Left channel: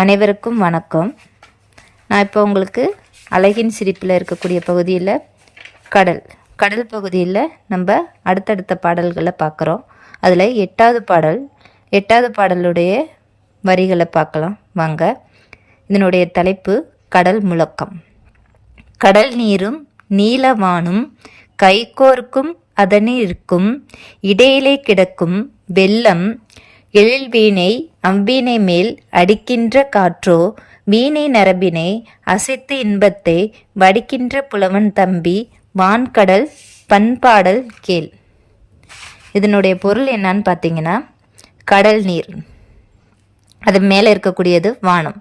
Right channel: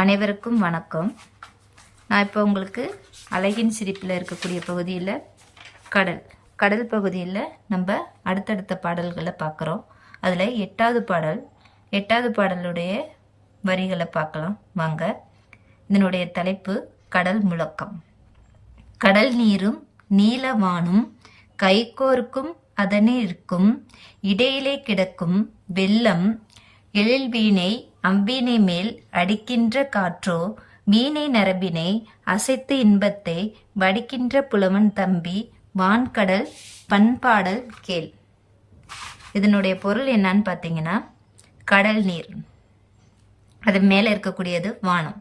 அனைவருக்கும் வணக்கம். நான் இப்போ உங்களுக்கு அழகின் சிரிப்பில் இருக்கக்கூடிய பகுதியில் கடல் பகுதியில் நம்ம அடுத்தடுத்த பாடல்களை பார்க்குறோம். அதில் எட்டாவது பாடலுடைய வரிகளை பார்க்கலாம் வாங்க. இதனுடைய தலைப்பு கடல் முழக்கம். கடல் நீரும் நீலவானும் கைகோர்க்கும் அதனிருக்கும் இடையிலே கிடக்கும் வெள்ளம் எழில்வீணை அவ்வீணை மேல் அடிக்கின்ற காற்றோ வீணை நரம்பினை அசைத்து இன்பத்தை வடிக்கின்ற புலவன் தம்பி வான்கடல் பண்பாடல் கேள். இதனுடைய பொருள் என்னன்னு பார்த்தீங்கன்னா, கடல் நீர், அது மேலே இருக்கக்கூடியது வானம்.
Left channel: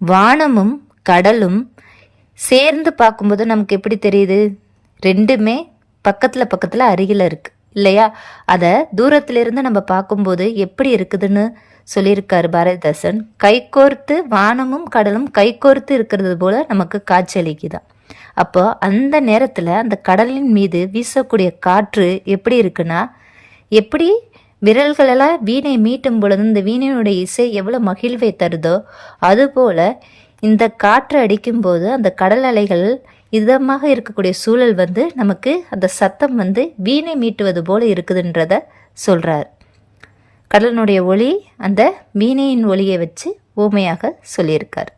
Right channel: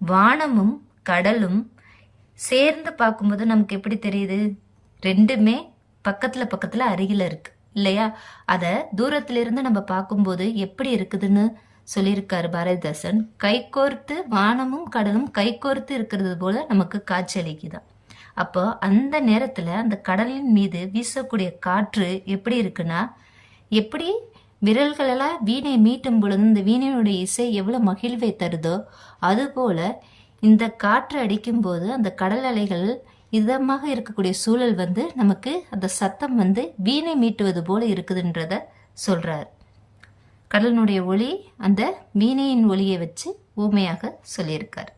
வானமும் கடலும் சேர்ந்து பார்க்கும்போது நமக்கு எப்படி தெரியுது? ரெண்டுமே பக்கத்தில் அருகில் இருக்கு இல்லையா? அதை தூரத்திலிருந்து நம்ம பார்க்கும்போது எப்படி இருக்குதுன்னு சொல்லியிருக்காரு பாரதிதாசன். கைகோர்த்து வானமும் கடலும் கைகோர்த்து இருக்கிறது போல நமக்கு காட்சியளிக்குதான். அப்போ அந்த நேரத்தில் அந்த கடலின் மீது வீசக்கூடிய காற்று எப்படி இருக்குன்னா, எப்படி விரல்களெல்லாம் வீணை மீட்டும் பொழுது இந்த வீணையினுடைய இசை எவ்வளோ மகிழ்வை தருதோ அதுபோல இந்த காற்று அடிக்கும்போது அந்த கடல் அலைகள் இதமாக இருக்கக்கூடிய சூழல் நமக்கு அந்த சத்தம் வீணை மீட்டுவது போல இருக்குதுன்றத சொல்றார். கடலினுடைய ஒளி அந்த வீணையின் ஒளியை வச்சு ஊமையாக சொல்லியிருக்கார்.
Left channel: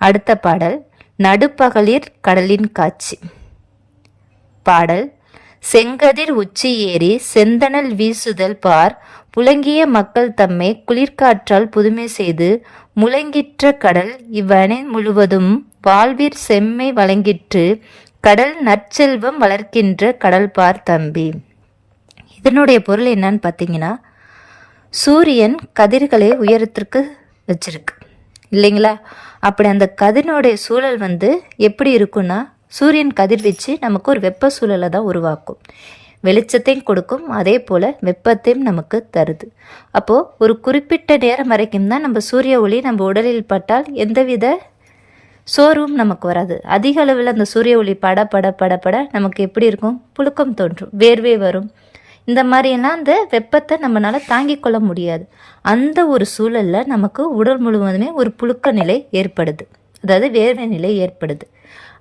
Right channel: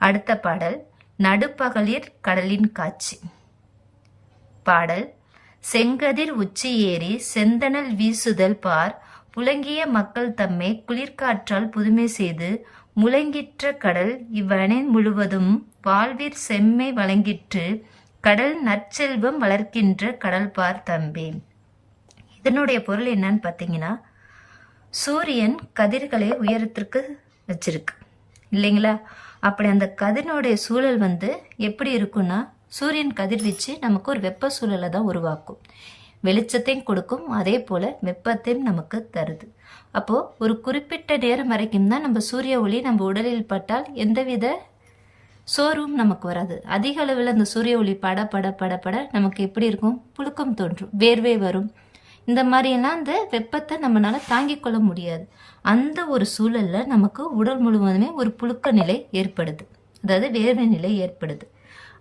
அடுத்த பாடல் நடுப்பகலில் கடலின் காட்சி. பாடல் செங்கதிர் உச்சி ஏறி செந்தணல் வீசுதல் பார் புலங்கிய மக்கள் தம்மை குளிர்காற்றால் புதுமை செய்து முழங்கிற்ற கடல் இவ்வணை முழுவதும் வாழ்விற் செம்மை வழங்கிற்று கடல் நற்செல்வம் வளர்க்கின்ற கடல் பார் தம்பி. இதனுடைய பொருள் என்னன்னு பார்த்தீங்கன்னா, சூரியன் கதிர்களை உயரத்திற்கு வச்சிருக்கு இல்லைங்களா? அப்படி அந்த கதிரினுடைய சூழல் எப்படி இருக்குன்னா, சூரியன் கதிர்வீச்சு நமக்கு ஒரு வெப்ப சூழலை தான் உருவாக்கும், வெளிச்சத்தையும் கொடுக்கும், அதே போல் வெப்பத்தையும் நமக்கு தருது. அப்போது ஒரு குறிப்பிட்ட நேரம் வரைக்கும் தான் நம்ம சூரிய ஒளி நம்ம உடலில் பட்டால் எந்தவித சோர்வும் நமக்கு வராது. அதிக அளவில் அந்த சூரிய ஒளி பட நமக்கு எப்படி இருக்கும்? புழுக்கம் தோன்றும், வேர்வை வரும். இந்த மாதிரியெல்லாம் அந்த வெப்பத்தை நம்மளால் தாங்கிக் கொள்ள முடியாது. அந்த ஒரு சூழலில் நமக்கு உடல் முழுவதுமே ஒரு புழுக்க நிலை ஏற்படுது, அதாவது வேர்வை நிலை ஏற்படுது.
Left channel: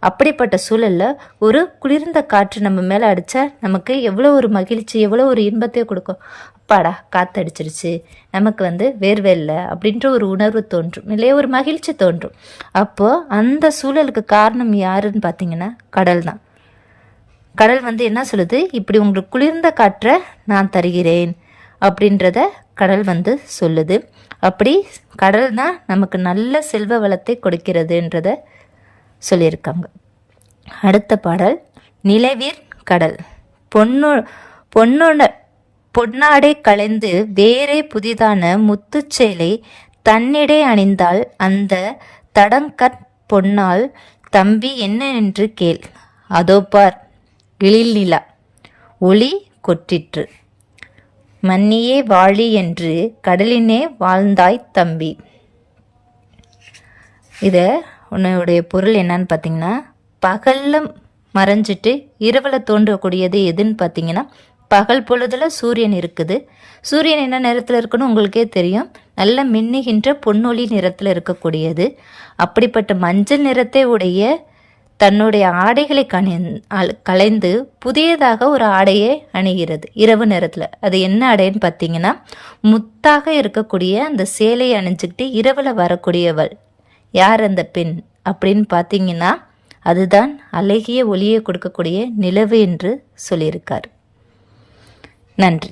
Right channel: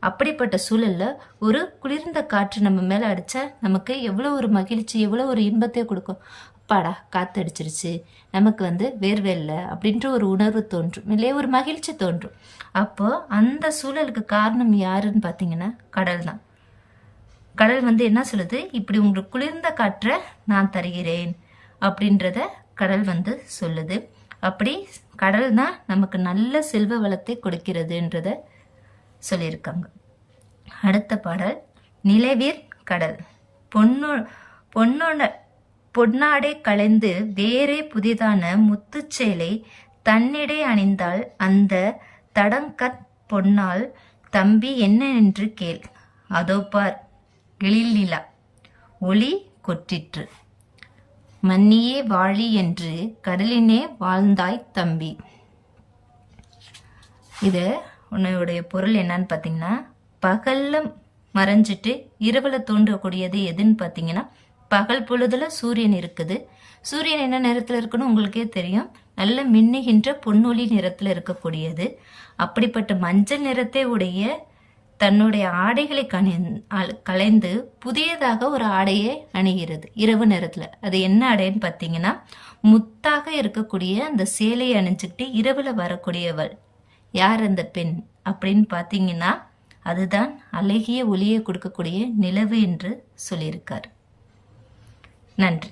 அப்படிப்பட்ட சூழலில் ஒரு குளிர்ந்த காற்று நம்ம மேலே அடித்தா நமக்கு எவ்வளோ ஒரு மகிழ்ச்சி, எவ்வளோ ஒரு இன்பத்தை கொடுக்கும். அப்பாடா காற்றடிச்சிருச்சு, நமக்கு வேர்வை இல்லை அப்படின்ற ஒரு உணர்வு தோன்றும் இல்லையே, ஒரு மகிழ்ச்சி தோன்றும். அப்போது அந்த சூழலுக்கு காரணம் யாருன்னு பார்த்தீங்கன்னா கடல் தான். கடல் என்ன சொல்லுது? இப்படி உங்களுக்கு குளிர்ந்த காற்றை நான் தருகிறேன் அப்படின்றத கடல் சொல்லுது. அப்படி கடல் தான் நமக்கு நல்ல செல்வ வளத்தை கொடுக்கிறதுன்றத சொல்லியிருக்காங்க. அடுத்த பாடல் நிலவீர் கடல். பொன்னாடை களைந்து வேறே புதிதான முத்துச்சேலை தன்னிடை அணிந்தால் அந்த தடங்கற் பொன்னால் தம்பி என்ன என்று கேள். அதோ பார் எழில் நிலா ஒளி கொட்டிற்று மன்னியே வாழி என்று கடலினே வாழ்ந்தாய் தம்பி. உன்னுடைய பொருள் என்னன்னு பார்த்தீங்கன்னா, பகலில் மறைஞ்சிட்டு இரவில் தோன்றக்கூடியது எதுன்னு பார்த்தீங்கன்னா, பகல் பொழுதுல சூரியன் இருக்குது. சூரியன் என்ன நிறத்தில் இருக்குன்னு உங்களுக்கே தெரியும், நல்ல மின்னுகின்ற பொன்னொளி நிறத்தில் இருக்கக்கூடியது. அப்படிப்பட்ட மஞ்சள் நிறத்தை உடைய தன்னுடைய ஆடைகளை களைந்து புதியதாக ஒரு ஆடையை அணிகிறது இரவு நேரத்தில். அது என்ன ஆடைன்னு பார்த்தீங்கன்னா, முத்தாக இருக்கக்கூடிய அந்த சேலையை அணிஞ்சுக்கிட்டு இரவில் வரக்கூடியவள் யார் அந்த பெண் அப்படின்னு பார்த்தீங்கன்னா, அதுதான் அழகிய ஒளியை கொடுக்கக்கூடிய நிலவு என்று சொல்லியிருக்கார். நன்றி.